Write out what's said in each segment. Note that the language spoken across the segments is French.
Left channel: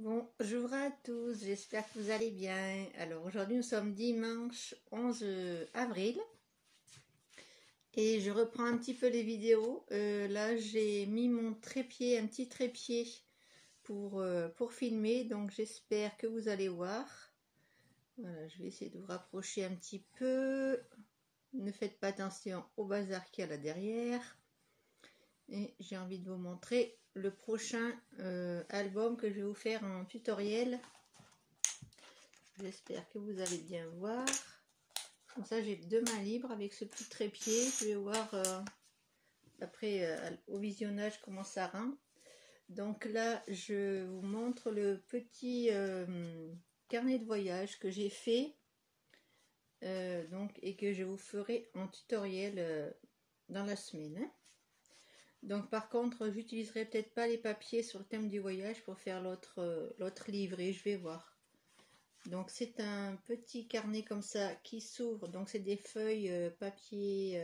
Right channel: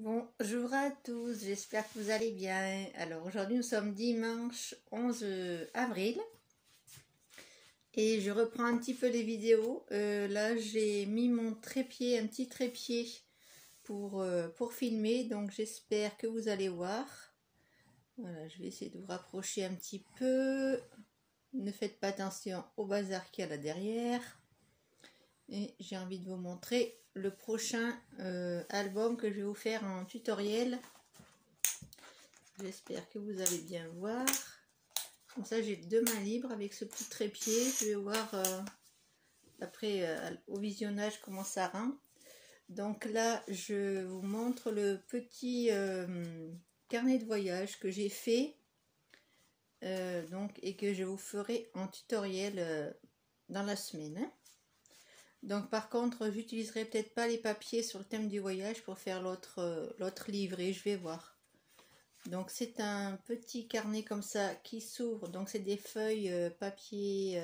Bonjour à tous, j'espère que vous allez bien. Alors aujourd'hui nous sommes dimanche 11 avril et je reprends un petit peu les vidéos. Là j'ai mis mon trépied, un petit trépied pour filmer, donc j'espère que vous allez voir. Voilà, je vais essayer de vous rapprocher un petit peu. Ne faites pas attention au bazar qu'il y a là derrière. Et j'ai envie de vous montrer le prochain album que je vais vous faire en tutoriel. J'espère que vous allez bien voir. Comme ça j'ai 2 mains libres avec ce petit trépied. Je vais voir après au visionnage comment ça rend. Donc là je vous montre le petit carnet de voyage que j'ai fait et que je vous ferai en tutoriel dans la semaine. Donc par contre j'utiliserai peut-être pas les papiers sur le thème du voyage pour faire l'autre livret, je vais voir. Donc c'est un petit carnet comme ça qui s'ouvre, donc c'est des feuilles papier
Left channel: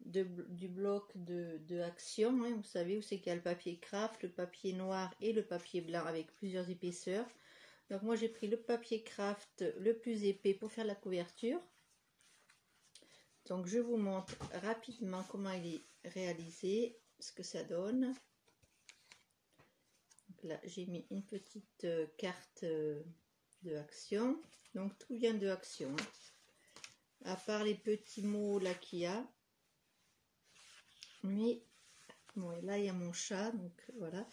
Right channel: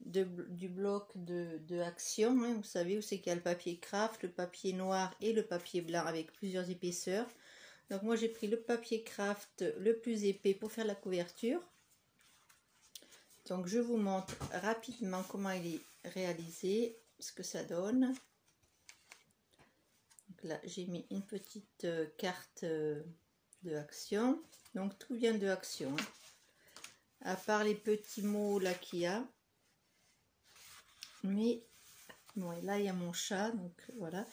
du bloc de Action, hein. Vous savez où c'est qu'il y a le papier craft, le papier noir et le papier blanc avec plusieurs épaisseurs. Donc moi j'ai pris le papier craft le plus épais pour faire la couverture. Donc je vous montre rapidement comment il est réalisé, ce que ça donne. Donc là j'ai mis une petite carte de Action. Donc tout vient de Action, hein. À part les petits mots là qu'il y a. Mais bon, et là il y a mon chat, donc voilà.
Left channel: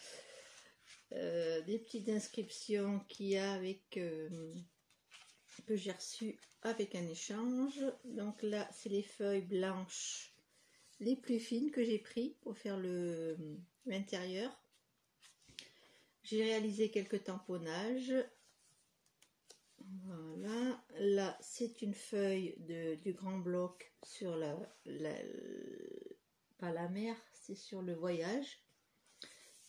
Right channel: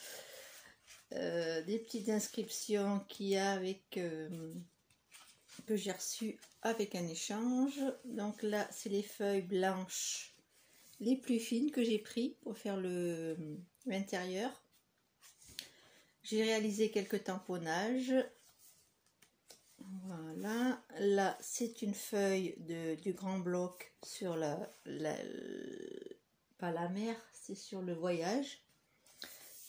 Des petites inscriptions qu'il y a avec que j'ai reçu avec un échange. Donc là c'est les feuilles blanches les plus fines que j'ai pris pour faire l'intérieur. J'ai réalisé quelques tamponnages. Voilà, là c'est une feuille du grand bloc sur pas la mer, c'est sur le voyage.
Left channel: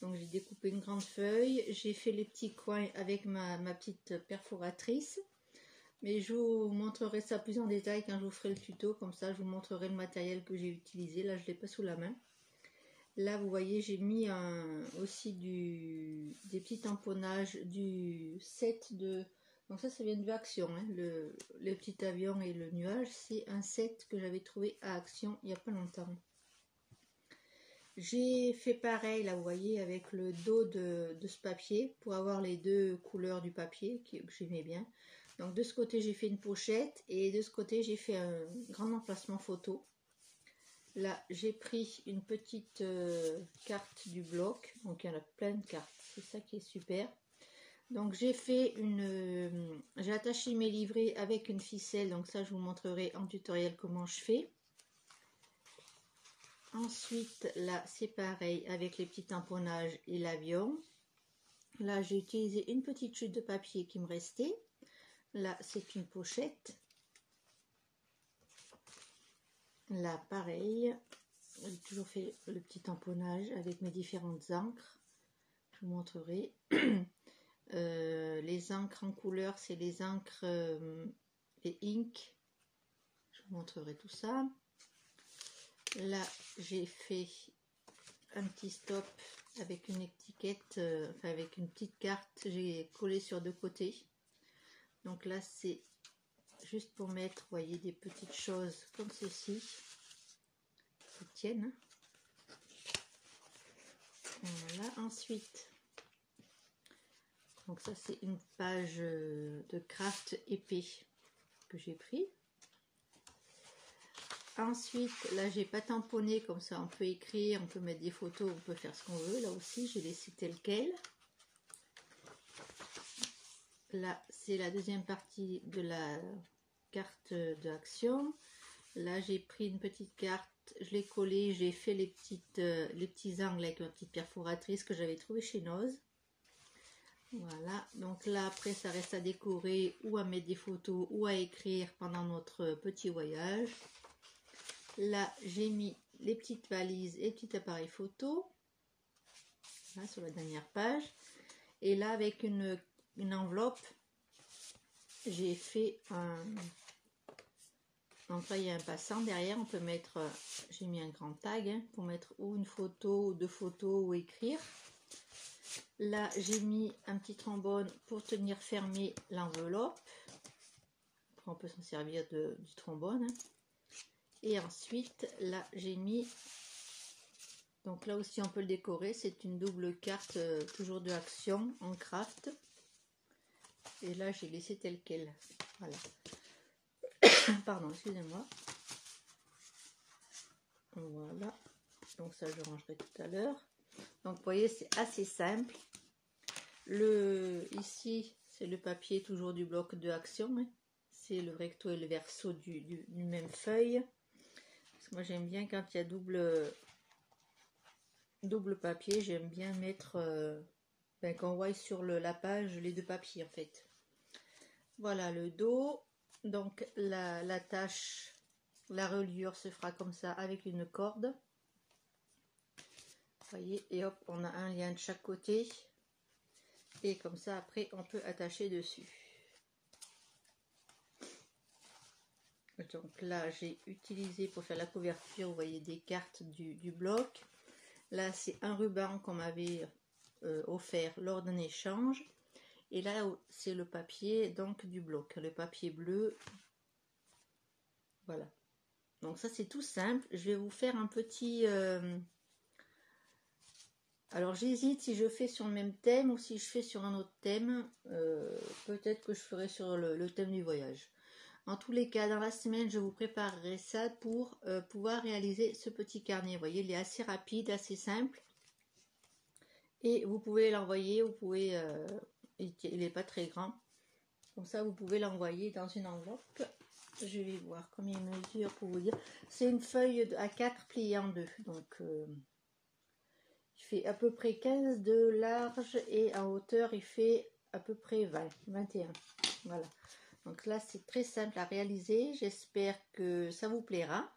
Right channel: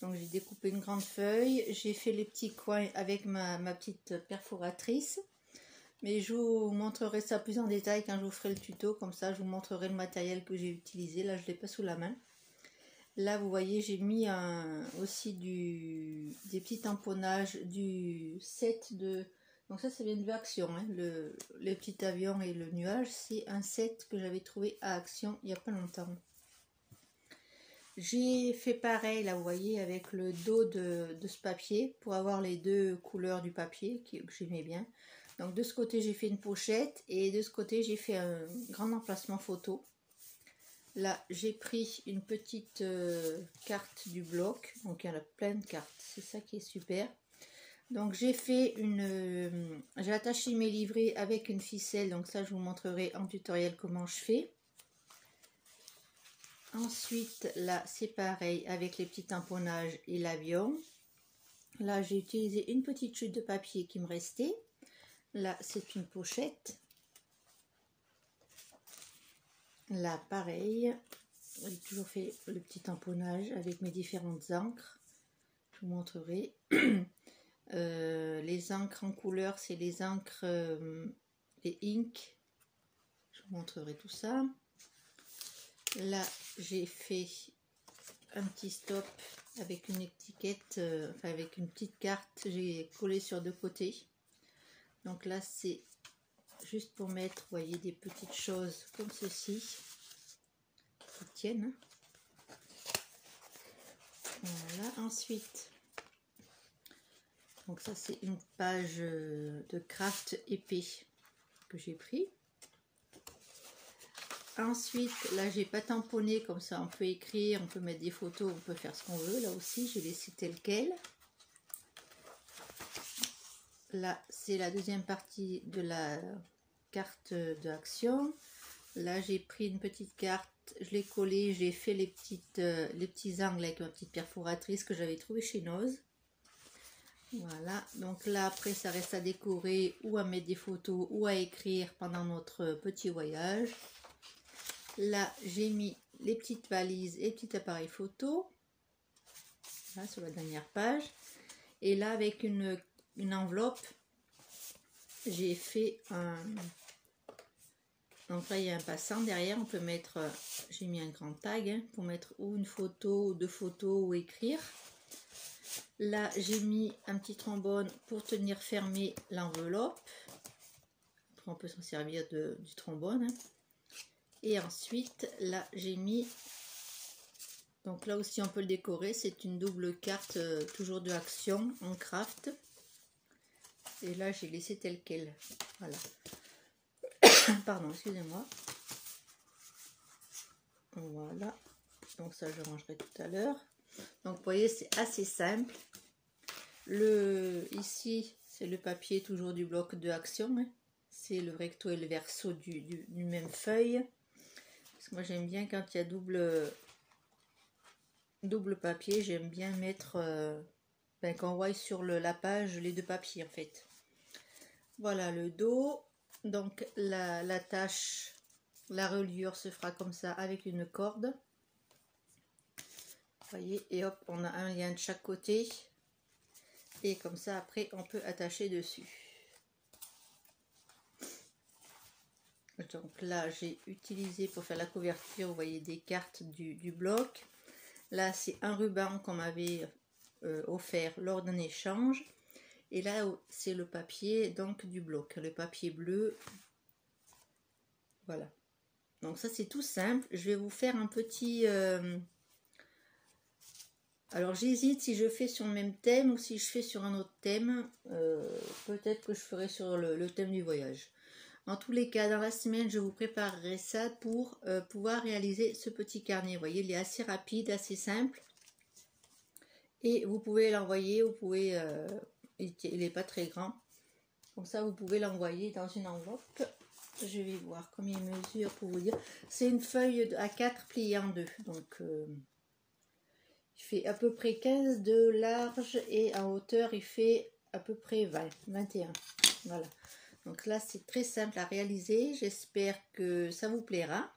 Donc j'ai découpé une grande feuille, j'ai fait les petits coins avec ma petite perforatrice. Mais je vous montrerai ça plus en détail quand je vous ferai le tuto, comme ça je vous montrerai le matériel que j'ai utilisé. Là je ne l'ai pas sous la main. Là vous voyez j'ai mis aussi des petits tamponnages du set de... Donc ça vient de Action, hein. Les petits avions et le nuage, c'est un set que j'avais trouvé à Action il n'y a pas longtemps. J'ai fait pareil là vous voyez avec le dos de ce papier pour avoir les 2 couleurs du papier que j'aimais bien. Donc de ce côté j'ai fait une pochette et de ce côté j'ai fait un grand emplacement photo. Là j'ai pris une petite carte du bloc, donc il y en a plein de cartes, c'est ça qui est super. Donc j'ai fait j'ai attaché mes livrets avec une ficelle, donc ça je vous montrerai en tutoriel comment je fais. Ensuite là c'est pareil avec les petits tamponnages et l'avion. Là j'ai utilisé une petite chute de papier qui me restait. Là c'est une pochette. Là pareil, j'ai toujours fait le petit tamponnage avec mes différentes encres. Je vous montrerai. Les encres en couleur, c'est les encres, les ink. Je vous montrerai tout ça. Là j'ai fait un petit stop avec une étiquette, enfin avec une petite carte. J'ai collé sur 2 côtés. Donc là c'est juste pour mettre, vous voyez, des petites choses comme ceci qui tiennent. Voilà, ensuite, donc ça c'est une page de craft épais que j'ai pris. Ensuite, là j'ai pas tamponné, comme ça on peut écrire, on peut mettre des photos, on peut faire ce qu'on veut. Là aussi j'ai laissé tel quel. Là c'est la deuxième partie de la carte de Action. Là j'ai pris une petite carte, je l'ai collée, j'ai fait les petits angles avec ma petite perforatrice que j'avais trouvé chez Noz. Voilà, donc là après ça reste à décorer ou à mettre des photos ou à écrire pendant notre petit voyage. Là j'ai mis les petites valises et les petits appareils photo, là sur la dernière page. Et là avec une enveloppe, j'ai fait donc là il y a un passant derrière, on peut mettre, j'ai mis un grand tag, hein, pour mettre ou une photo ou 2 photos ou écrire. Là, j'ai mis un petit trombone pour tenir fermé l'enveloppe. Après, on peut s'en servir du trombone. Hein. Et ensuite, là, j'ai mis... Donc là aussi, on peut le décorer. C'est une double carte, toujours de Action, en craft. Et là, j'ai laissé tel quel. Voilà. Pardon, excusez-moi. Voilà. Donc ça, je rangerai tout à l'heure. Donc, vous voyez, c'est assez simple. Ici, c'est le papier toujours du bloc de Action. Hein. C'est le recto et le verso du même feuille. Parce que moi, j'aime bien quand il y a double papier, j'aime bien mettre... qu'on voit sur la page les deux papiers, en fait. Voilà le dos. Donc, la tâche, la reliure se fera comme ça avec une corde. Vous voyez, et hop, on a un lien de chaque côté. Et comme ça, après, on peut attacher dessus. Donc là, j'ai utilisé pour faire la couverture, vous voyez, des cartes du bloc. Là, c'est un ruban qu'on m'avait offert lors d'un échange. Et là, c'est le papier donc du bloc, le papier bleu. Voilà. Donc ça, c'est tout simple. Je vais vous faire un petit... Alors, j'hésite si je fais sur le même thème ou si je fais sur un autre thème. Peut-être que je ferai sur le thème du voyage. En tous les cas, dans la semaine, je vous préparerai ça pour pouvoir réaliser ce petit carnet. Vous voyez, il est assez rapide, assez simple. Et vous pouvez l'envoyer, vous pouvez... il n'est pas très grand. Comme ça, vous pouvez l'envoyer dans une enveloppe. Je vais voir combien il mesure pour vous dire. C'est une feuille A4 pliée en deux. Donc, il fait à peu près 15 de large et en hauteur, il fait à peu près 21. Voilà. Donc là, c'est très simple à réaliser. J'espère que ça vous plaira.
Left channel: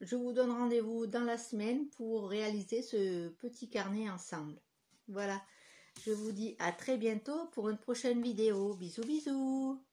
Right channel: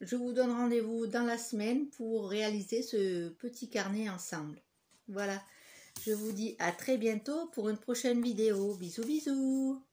Je vous donne rendez-vous dans la semaine pour réaliser ce petit carnet ensemble. Voilà. Je vous dis à très bientôt pour une prochaine vidéo. Bisous, bisous.